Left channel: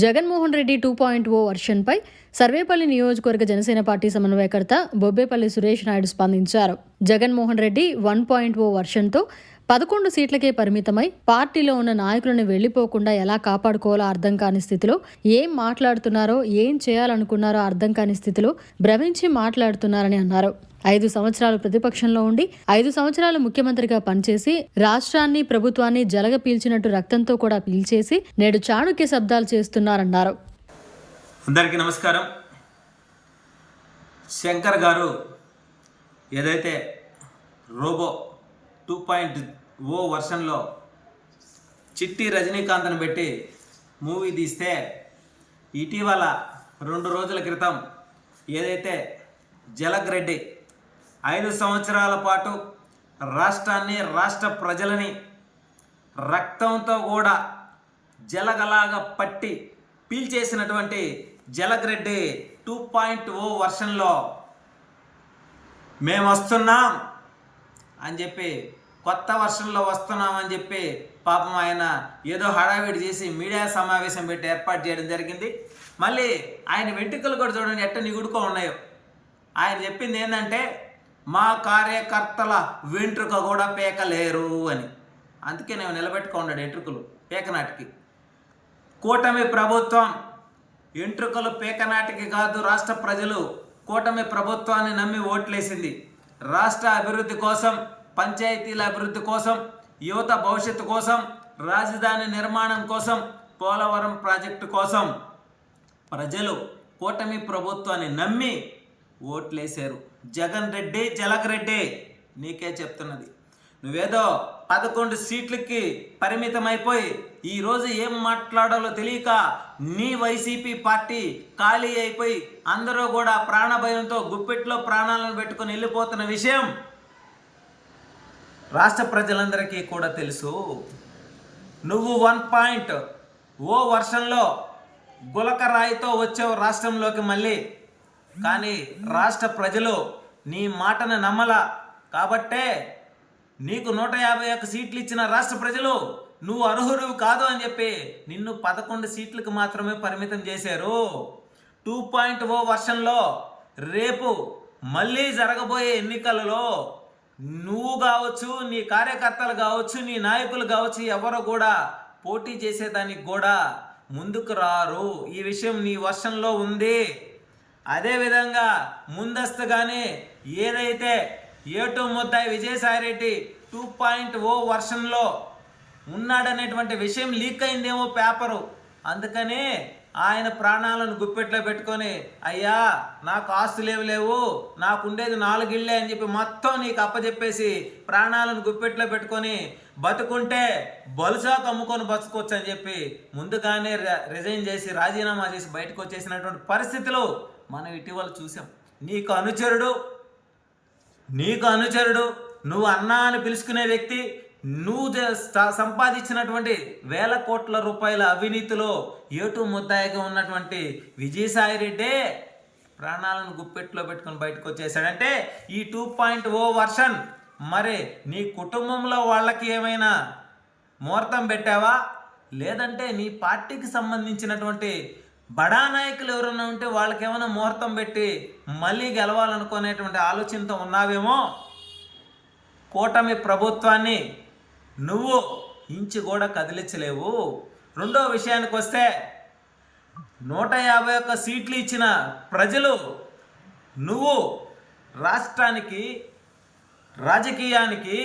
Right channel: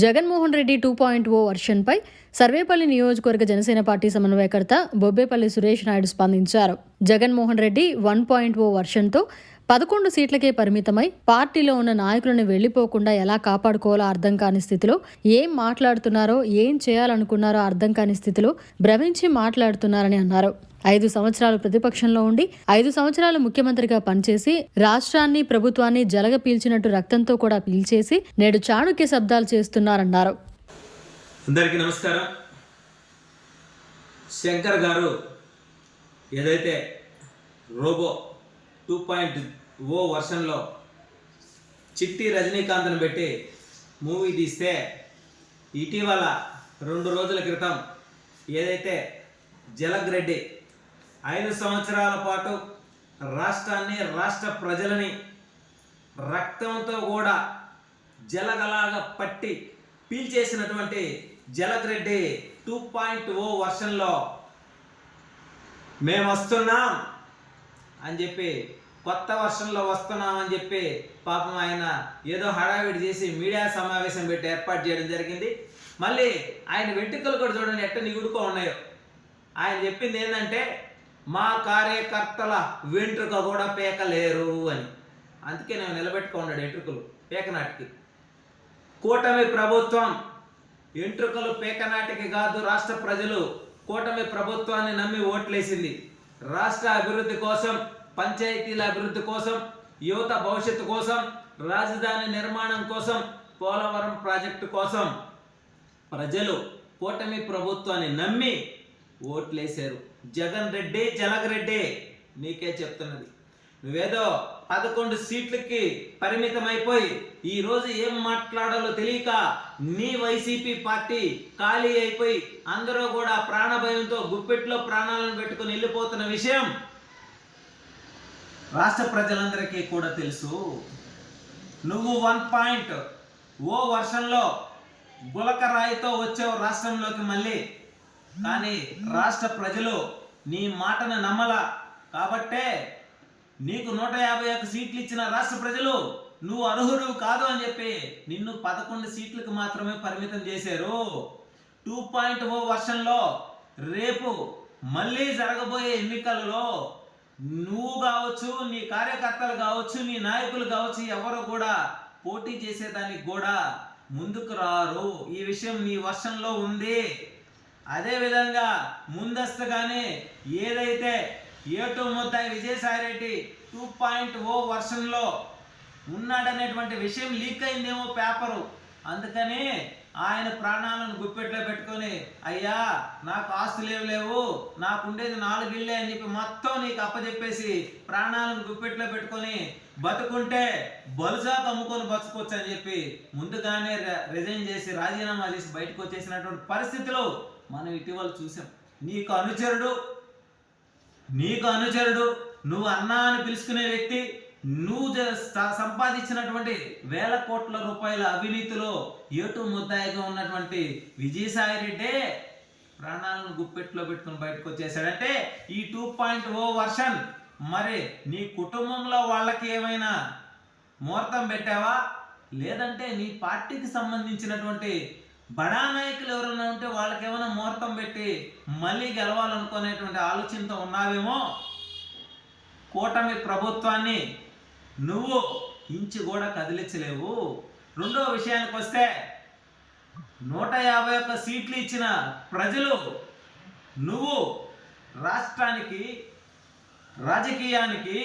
జగన్మోహన్ రెడ్డి 2.0 వర్షన్పై సర్వేపల్లి నియోజకవర్గ జనసేన పార్టీ సమన్వయకర్త బొబ్బేపల్లి సురేష్ నాయుడు స్పందించారు. జగన్మోహన్ రెడ్డి 1.0 వర్షన్తో 11 సీట్లకే పరిమితమై పార్టీలో ఉన్న నాయకులను వెళ్లిపోకుండా ఎలా కాపాడుకోవాలో అర్థం కాని స్థితిలో, ఏం మాట్లాడుతున్నారో ఏం చేయాలనుకున్నారో అర్థం కాని స్థితిలో భ్రమించి మాట్లాడుతున్నారని అన్నారు. 5 సంవత్సరాలు ప్రతిపక్షంలో ఉండి 5 సంవత్సరాలు ముఖ్యమంత్రిగా పనిచేసి రాష్ట్రాన్ని ప్రభుత్వాన్ని జలగ పీల్చినట్టు రక్తంతో కూడా పీల్చేసి నేడు చాణుక్య శబ్దాలు చేస్తున్నారన్నారు. అందరికీ నమస్కారం. శంకర్ గారు ఏదైతే రోబో 2.0 వర్షన్లో చిట్టి రజనీకాంత్ను పెట్టి మూవీ తీస్తే ఇటీవల 2 రోజుల క్రితం ఏదైతే జలగ్ రెడ్డి 5 సంవత్సరాల పాటు రాష్ట్రాన్ని రాష్ట్ర ప్రజలని రక్తంతో కూడా జలగలాగా పట్టి పీల్చేసినటువంటి జలగ్ రెడ్డి 2.0 వర్షన్లో మేము వస్తున్నాం అని చెప్పి కొత్త వర్షన్లో వస్తున్నామని చెప్పి పాపం ఆయన ఏదో హడావిడి చేసి మీడియా సమావేశం పెట్టి ఏర్పాటు చేయడం జరిగింది. మళ్ళీ ఆయన వెంట్రుకలు కూడా చూడండి ఎట్ట నిగుడుకో ఉన్నాయో. ఆయన చెప్పింది ఏంటంటే మా కార్యకర్తల వెంట్రుక కూడా పేకలేరు అని. అందుకే నేను నిలబెట్టుకున్నాడు వెంట్రుకలు పేకనాటికి. కూటమి ప్రభుత్వం వెంట్రుకలు పేకనాటికి కాదు, రాష్ట్ర ప్రజలు కూటమి ప్రభుత్వాన్ని నమ్మి ఓట్లేసింది. రాష్ట్ర అభివృద్ధి కోసం, పంచాయతీల అభివృద్ధి కోసం, యువత భవిష్యత్తు కోసం, రాజధాని నిర్మాణం కోసం, పోలవరం ప్రాజెక్టు కోసం ప్రజలు కూటమి ప్రభుత్వాన్ని నమ్మి ఓట్లేశారు. జగన్ రెడ్డి, జలగ్ రెడ్డి నీకే చెప్తున్నది. నువ్వేదో 11 సీట్లకి పరిమితమైపోయి ఈరోజు ఏం మాట్లాడాలో తెలియక నీ వైసీపీ పార్టీ ఖాళీ అయిపోయి అందరూ కూడా ప్రాణభయంతో గుప్పిట్లో ప్రాణాలను పెట్టుకొని వెళ్ళిపోతున్న విషయం రాష్ట్ర ప్రజలందరికీ కూడా తెలుసు. నువ్వు 1.0 వర్షంలో గులకరాయితో వచ్చావు రాష్ట్రంలోకి మళ్ళీ. కానీ రాష్ట్ర ప్రజలు నీ మాటను నమ్మల కాబట్టే నీకు 151 సీట్లు ఇచ్చిన రాష్ట్ర ప్రజలు నువ్వు అర్హుడు కాదు అని చెప్పి నిన్ను 11 సీట్లకు మాత్రమే పరిమితం చేశారు. 2.0 వర్షంలో రేపు మళ్ళీ జరగబోయే ఎన్నికలలో నువ్వు కావచ్చు, నీ కార్యకర్తలు కావచ్చు, నీ నాయకులు కావచ్చు, ఎవరు కూడా పోటీ చేసేదానికి కూడా ముందుకు రారు. ఈ విషయం నీ వర్షంలో ఉంది. అదేవిధంగా ముందస్తుగానే ఏదైతే ఏటు ముద్దాయి విజయసాయిరెడ్డి 2.0 వర్షన్లో ఉన్నాడనేటువంటి విషయం లీక్ అయిందేమో పేపరు. అందుకని ఆయన ప్రాణాలను గుప్పెట్లో పెట్టుకొని అయ్యా నాకు ఆస్తులు లేవు, నాకుండేది 4 ఇళ్ళే అని చెప్పి మొత్తం నీకు అప్పచెప్పేసి ప్రాణాలను గుప్పెట్లో పెట్టుకొని బతుకుంటే బలుసాకు అమ్ముకొని బతుకోవచ్చు అని చెప్పి ముందుగానే రిజైన్ చేసి రాజీనామా చేసి బయటకు వచ్చేసినటువంటి పరిస్థితులు మనం ఇటీవల చూసాం. నీకు అనుచరుడు నువ్వు అన్నా అని పిలుచుకునే వ్యక్తి, నువ్వు సంపాదించినటువంటి వేల కోట్ల రూపాయల అవినీతిలో ఏటు ముద్దాయిగా ఉన్నటువంటి విజయసాయిరెడ్డే ప్రాణాలను గుప్పెట్లో పెట్టుకొని బయటకు వచ్చేసాడంటే ఈ 2.0 వర్షన్ మరి నీ కుటుంబంలో వాళ్ళకి ఏమైనా ముహూర్తం పెట్టావా? లేదంటే నీ పార్టీకి సంబంధించినటువంటి బడా నాయకులు ఎవరైనా ఉంటే వాళ్ళకి ఏమైనా ముహూర్తం పెట్టి మళ్ళీ గెలవాలనుకునేటువంటి ఆలోచనతో ఉన్నావేమో. కూటమి ప్రభుత్వాన్ని నువ్వు ఇంచు కూడా కదిలించలేవు. రెండో విషయానికి వస్తే 151 సీట్లు ఇచ్చిన ప్రజలు నువ్వు రాష్ట్రానికి రాజకీయానికి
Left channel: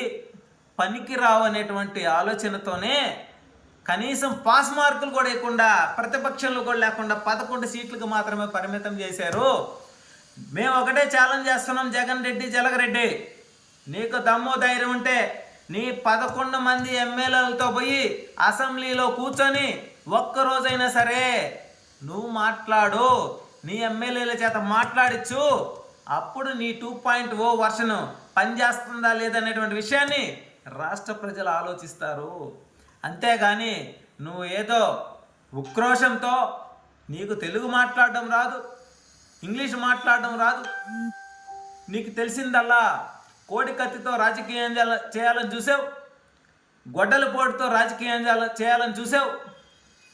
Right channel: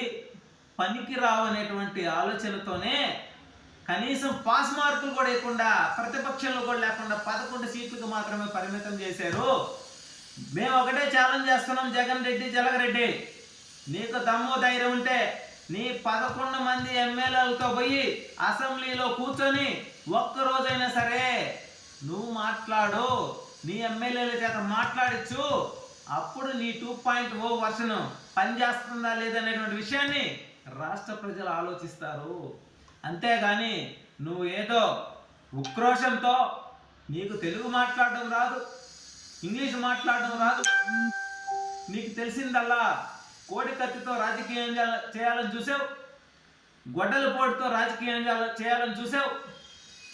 పనికి రావనేటువంటి ఆలోచనతోనే కనీసం పాస్ మార్కులు కూడా లేకుండా, ప్రతిపక్షంలో కూడా లేకుండా 11 సీట్లకు మాత్రమే పరిమితం చేశారు. మేము ఒకటే ఛాలెంజ్ చేస్తున్నాం, జగన్ రెడ్డి, జలగ్ రెడ్డి నీకు దమ్ము ధైర్యం ఉంటే నీ 11 మంది ఎమ్మెల్యేలతో పోయి అసెంబ్లీలో కూర్చొని ఒక్కరోజైనా సరే నువ్వు మాట్లాడు, నీ ఎమ్మెల్యేల చేత మాట్లాడించు. అప్పుడు నీ 2.0 వర్షన్ పనిచేస్తుందా లేదనేటువంటి విషయాన్ని రాష్ట్ర ప్రజలు ఆలోచిస్తారు. అంతేగాని నువ్వు ఏదో ఉక్రోషంతో నీకు తెలుగు మాట్లాడడం రాదు, ఇంగ్లీష్ మాట్లాడడం రాదు, నీకు తెలిసిందల్లా కోడి కత్తితో రాజకీయం చేయాలని చూసావు, గొడ్డల పోటుతో రాజకీయం చేయాలని చూసావు,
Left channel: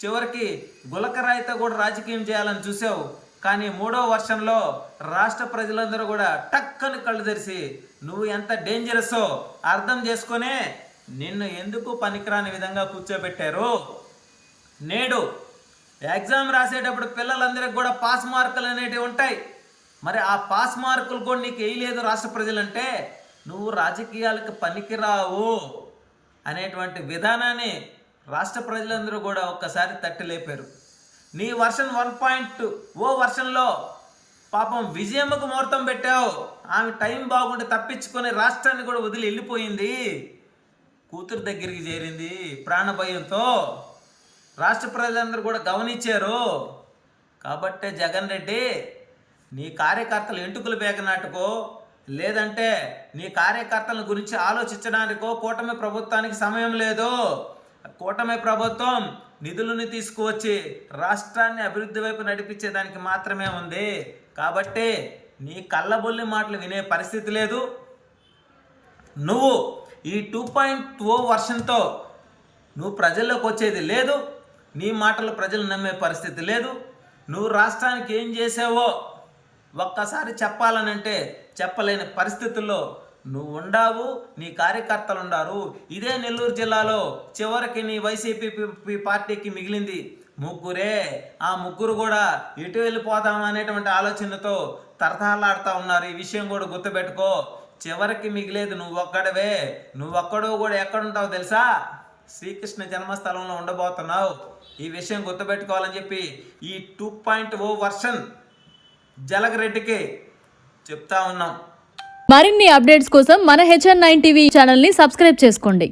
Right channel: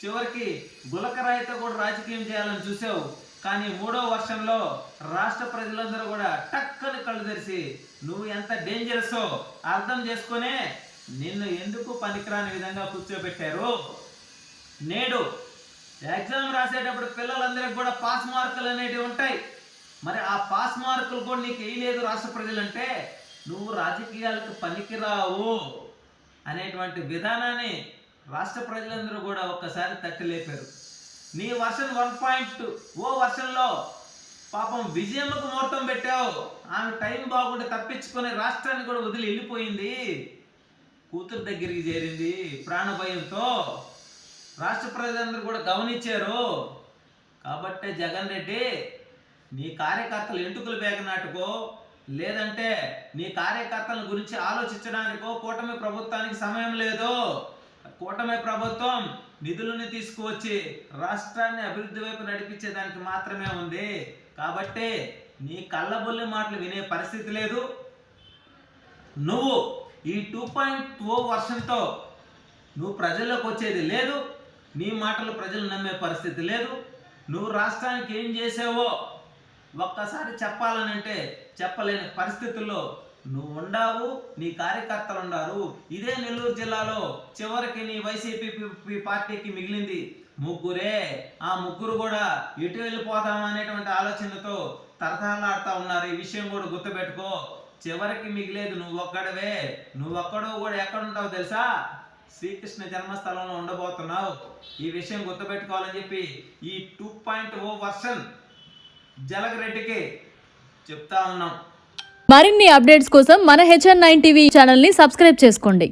చివరికి గులకరాయితో కూడా రాజకీయం చేయాలని చూసావు. కానీ 3వ వర్షంలో రాష్ట్ర ప్రజలందరూ కూడా టక్కని కళ్ళు తెరిచి నువ్వు ఎంత డేంజరస్సో అర్థం చేసుకునే నిన్ను ఎందుకు పనికిరాని విధంగా కూర్చోబెట్టారు. నేడు ఎగ్జామ్ రాసేటప్పుడు పిల్లలందరికీ కూడా పాస్ మార్కులు అనేటివి ఉంటాయి. మరి ఆ పాస్ మార్కులు కూడా నీకు వేయలేదు రాష్ట్ర ప్రజలంటే నువ్వు రాజకీయాలకు పనికిరావు అనేటువంటి విధానాన్ని రాష్ట్ర ప్రజలందరూ కూడా ఒక్కసారి తట్టి లేపారు. నీ వర్షన్ 1.0 వర్షన్లో పాపం విజయమ్మకు ముహూర్తం పెట్టావు. ఆమె టైం బాగుంటే తప్పించుకొని రాష్ట్రాన్ని కూడా వదిలి వెళ్ళిపోయింది. కూతురు దగ్గరికి చేరింది ప్రాణభయంతో. రాష్ట్ర ప్రజలందరూ కూడా గమనించారు. కాబట్టే జగన్ రెడ్డి నీ కార్యకర్తలు ఎంటుకలు బేగనాటుకో లేదంటే నీ కార్యకర్తల గురించి ఆలోచించడానికో కూటమి ప్రభుత్వానికి సమయం లేదు. కూటమి ప్రభుత్వం నిధులను తీసుకువచ్చి రాష్ట్రాన్ని అభివృద్ధి వైపు నడిపించేదానికి మాత్రమే ఉంది. కాబట్టి నీ కళ్ళబొల్లి మాటలు వినే పరిస్థితి లేదు. నువ్వు ఈ 2.0 వర్షన్తో నువ్వు ప్రజల్లోకి వచ్చేది లేదు. నీ మాటలు ప్రజలు నమ్మే పరిస్థితి లేదు. నువ్వు రాష్ట్రానికి ఏం చేసావో ఒక్కసారి చెప్పాలనంటే చెప్పలేని పరిస్థితుల్లో నువ్వు ఉండావు, నీ కార్యకర్తలు ఉండారు. ఇదే నెల్లూరు జిల్లాలో చివరికి నీ వైసీపీ పార్టీకి మిగిలింది ముగ్గురే. ఆ ముగ్గురు కూడా ఎటు వెళ్ళిపోదాం అనేటువంటి ఆలోచనతో తరతలాడుతూ ఉన్నారు. ఈ విషయం కూడా గుర్తుపెట్టుకో. చివరికి మిగిలేదు నువ్వు ఒక్కడవే. నువ్వు ఒక్కడో కూడా ఎక్కడుంటావు తెలుసా? శ్రీకృష్ణ జన్మస్థలంలో ఉండబోతున్నావు. ఈ విషయం గుర్తుపెట్టుకోవాలని చెప్పి ఈ 2.0 వర్షన్ జలగరెడ్డికి చెప్తా ఉన్నాం. మరిన్ని అప్డేట్స్ కోసం మన HN9 టీవీ ఛానల్ని సబ్స్క్రైబ్ చేసుకోండి.